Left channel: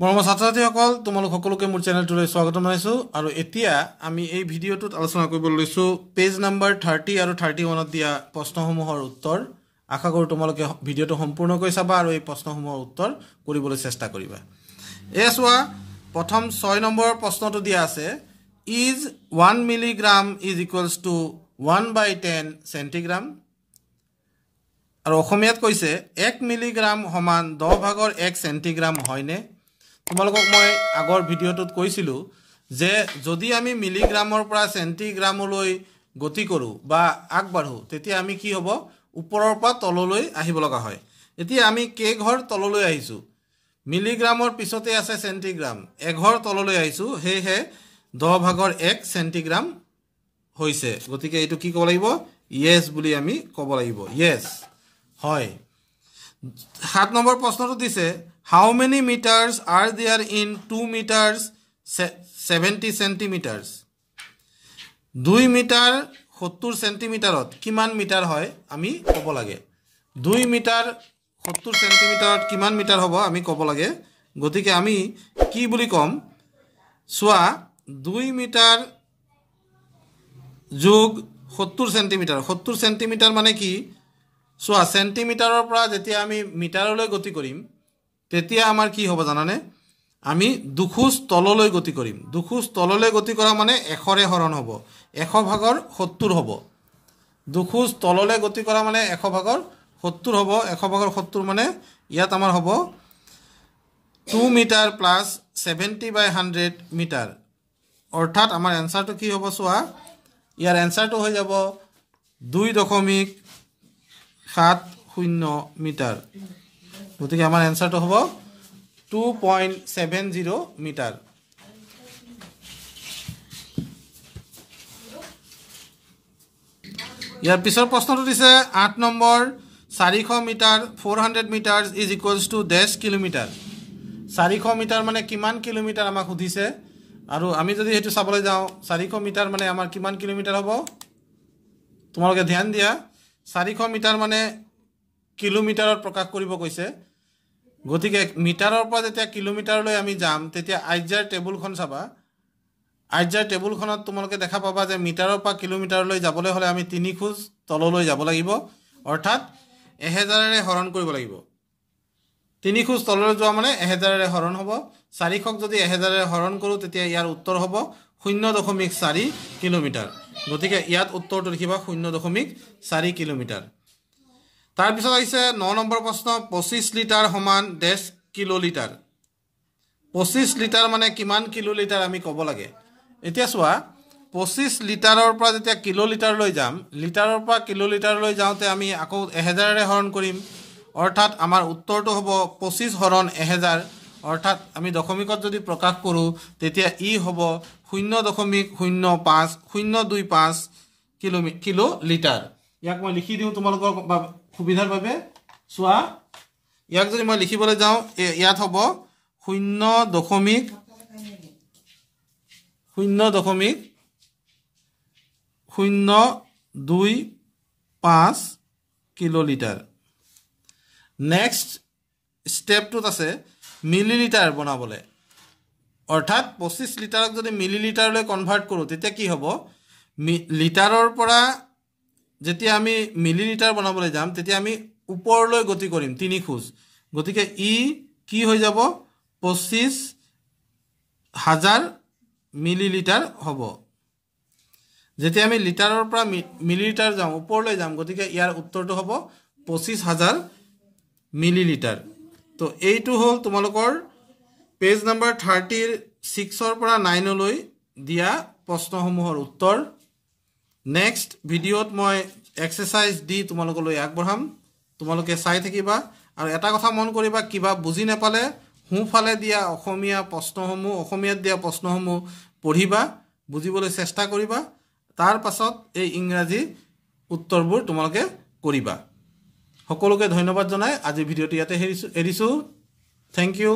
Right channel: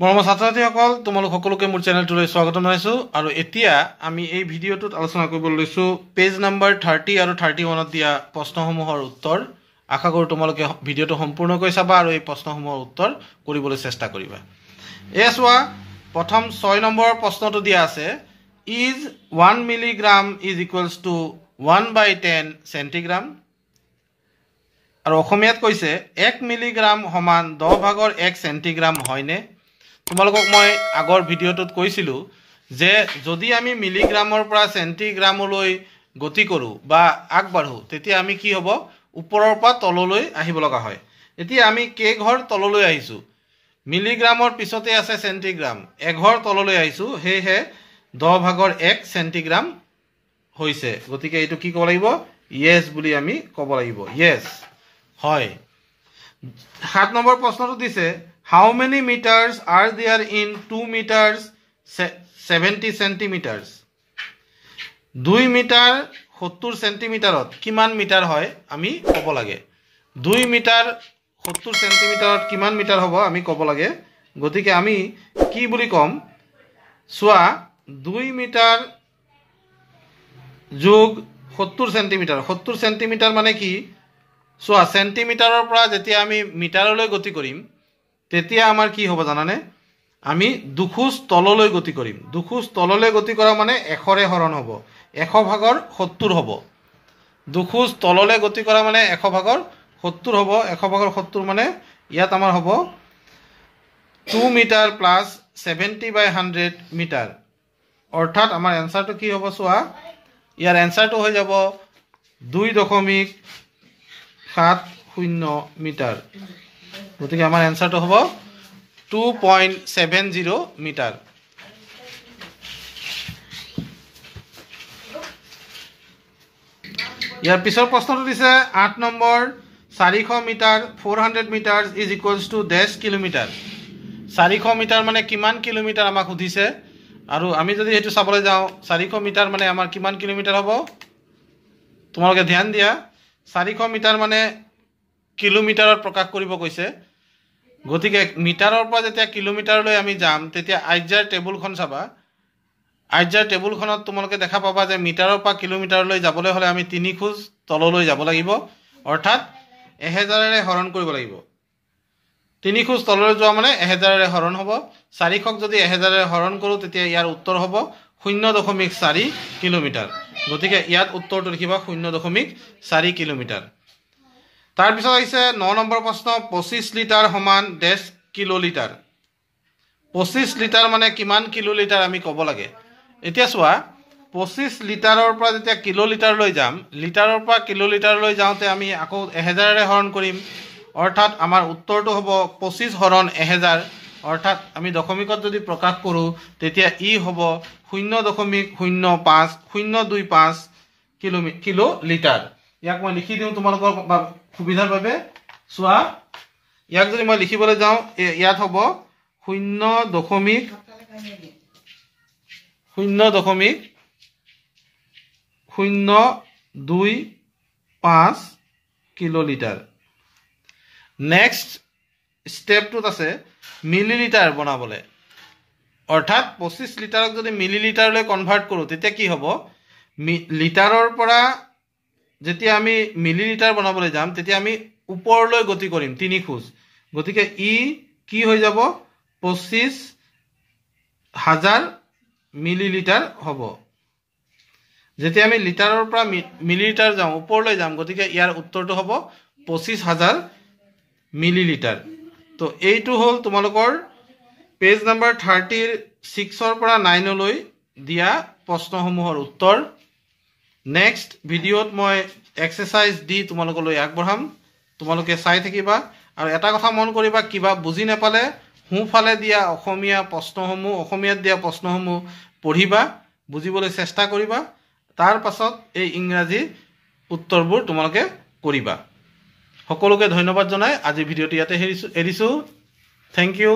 মৰমৰ ছাত্ৰ-ছাত্ৰীসকল তোমালোক সকলোকে মোৰ চেনেলটোলৈ স্বাগতম জনাইছো আৰু এতিয়া আমি এই ভিডিঅ'টোত আলোচনা কৰিব লৈছো পেজ নম্বৰ 30 আৰু 31ত দিয়া প্ৰশ্নসমূহৰ উত্তৰ আশা কৰো তোমালোকে ভিডিঅ'টো সম্পূৰ্ণকৈ চাবা আৰু এই প্ৰশ্নসমূহৰ উত্তৰ কৰিবলৈ চেষ্টা কৰিবা এছৱা প্ৰথম 6 নম্বৰ প্ৰশ্নটো দিয়া আছে is 1 milligram is equals to 1/10 centigram আৰু অসমীয়াত কৈছে 1 মিলিগ্ৰাম সমান 10/1 সেন্টিগ্ৰাম হয়নে তোমালোকক মই আগৰ ভিডিঅ'টোত কৈছিলো যে যদি আমি মিলিগ্ৰামৰ পৰা সেন্টিগ্ৰামলৈ গতি কৰো বা আগবাঢ়ো তেতিয়া আমি কি হ'ব ওপৰৰ পৰা তললৈ আহিব লগা হয় এতিয়া আমি কে ঘৰ তললৈ আহিছো মিলিগ্ৰামৰ পিছতে আছে সেন্টিগ্ৰাম এঘৰ তললৈ আহিছো হেহে 10/1 সেন্টিগ্ৰাম হৈছে গতিকে এটো কি ক'ব লাগিব yes বুলি আমি ক'ব লাগিব yes হয় 7 নম্বৰ প্ৰশ্নটো দিছে how many meters are there in 2 meters 70 centimeters 2 metre 70 সেন্টিমিটাৰত কিমান মিটাৰ হয় আমি ক'ব লাগে 2 মিটাৰ 70 সেন্টিমিটাৰত কিমান মিটাৰ হ'ব আমি ক'ব লাগে গতিকে আমি কি বুলি কম সোৱা 2 মিটাৰ যোগ 70 সেন্টিমিটাৰ মানে কি সোৱা সেন্টিমিটাৰৰ পৰা যেতিয়া আমি মিটাৰলৈ গতি কৰিম তেতিয়া আমাৰ কি হ'ব জানানে আমি দুখোজ তললৈ গতি কৰিম দুখোজ তললৈ গতি কৰা মানে 100 ৰে হৰণ হ'ব 100/70 হ'ব দুখোজ তললৈ গতি কৰা মানে 100/70 হ'ব 100/70 মানে ইয়াত আমাৰ হ'ব 2 মিটাৰ প্লাস 70/100 মিটাৰ অৰ্থাৎ আমাৰ এনসাৰটো কি হ'ব সোৱা ইয়াৰ এনসাৰটো হৈ যাব 2.70 মিটাৰ গতিকে আমাৰ এনসাৰটো হ'ব 2.70 মিটাৰ ইয়াৰ পিছৰ প্ৰশ্নটো দিছে 8 number 400 metre 400 metre is equals to dash kilometre 400 metre মানে কিমান কিলোমিটাৰ আমাক সুধিছে আৰু আমি যদি হেতু চাবলৈ যাওঁ 400 মিটাৰ মানে আমাৰ কিমান কিলোমিটাৰ হ'ব তোমালোকে ধ্যান দিয়া 400 মিটাৰ মানে কিলোমিটাৰত প্ৰকাশ কৰিব কৈছে গতিকে মিটাৰৰ পৰা যেতিয়া কিলোমিটাৰলৈ আমি যাম তেতিয়া আইজাৰ টেবুলখন চাবা আইজাৰ টেবুলখনত তোমালোকে দেখা পাবা যে মিটাৰৰ পৰা কিলোমিটাৰলৈ যাবলৈ হলে আমি 3 খোজ তললৈ যাব লাগিব অৰ্থাৎ 1000 ৰে হৰণ কৰিব লাগিব 3 খোজ তললৈ যোৱা মানে 1000 ৰে হৰণ হ'ব 400ক যদি 1000 ৰে হৰণ কৰো তেতিয়া ইয়াৰ উত্তৰ হ'ব 0.4 কিলোমিটাৰ গতিকে ইয়াত উত্তৰটো লিখিবা 0.4 কিলোমিটাৰ তাৰ পিছত আহিছে 9 নম্বৰ প্ৰশ্ন 25 লিটাৰ সমান ডেশ কিলোলিটাৰ 25 লিটাৰ মানে কিমান কিলোলিটাৰ আমি ক'ব লাগে এতিয়া চোৱা 25 লিটাৰৰ পৰা যেতিয়া কিলোলিটাৰলৈ যাম লিটাৰৰ পৰা কিলোলিটাৰলৈ যাওঁতে আমি আকৌ 1000 ৰে হৰণ কৰিম অৰ্থাৎ আমাৰ উত্তৰটো হ'ব 25 হৰণ 1000 অৰ্থাৎ আমি দশমিকত যদি প্ৰকাশ কৰো তেতিয়া ই হ'ব 0.025 কিলোলিটাৰ ইয়াক মই লিখি দিওঁ তোমালোকৰ সুবিধাৰ বাবে সোৱা ইয়াক যদি মই লিখিবলৈ যাওঁ ইয়াত হ'ব 0.025 কিলোলিটাৰ নেক্সট স্টেপটোত আছে মিলিলিটাৰ বনাবলে অৰ্থাৎ 25 লিটাৰক যদি মিলিলিটাৰলৈ কনভাৰ্ট কৰো তেতিয়া কি হ'ব লিটাৰৰ পৰা যেতিয়া আমি মিলিলিটাৰ বনাবলৈ যাম তেতিয়া আমি ওপৰলৈ গতি কৰিম 3 খোজ গতিকে ই কি হৈ যাব 25000 মিলিলিটাৰ হ'ব যেতিয়া আমি লিটাৰৰ পৰা মিলিলিটাৰ যাওঁ ওপৰলৈ যাম গতিকে ইয়াৰ উত্তৰটো হ'ব 25000 মিলিলিটাৰ তো এইটো হ'ল তোমালোকৰ পেজ নম্বৰ 36 ৰ পৰা 9 লৈ দিয়া প্ৰশ্নসমূহৰ উত্তৰ নেক্সট ভিডিঅ'ত মই এক্সাৰসাইজ দি তোমালোকলৈ আগবঢ়াম তোমালোকে চাই থাকিবা আৰু এটা কথা মন কৰিবা কিবা বুজি নাপালে হুফালে দিয়া অসমীয়া প্ৰশ্নসমূহ অসমীয়াত দিয়া প্ৰশ্নসমূহ পঢ়িবা বুজিবলৈ চেষ্টা কৰিবা তাৰ পাছত এই ইংৰাজী উত্তৰবোৰ তোমালোকে কৰিবা সকলোকে ধন্যবাদ জনাই আজি ভিডিঅ'টো ইয়াতে এৰিছো থ্যাংক ইউ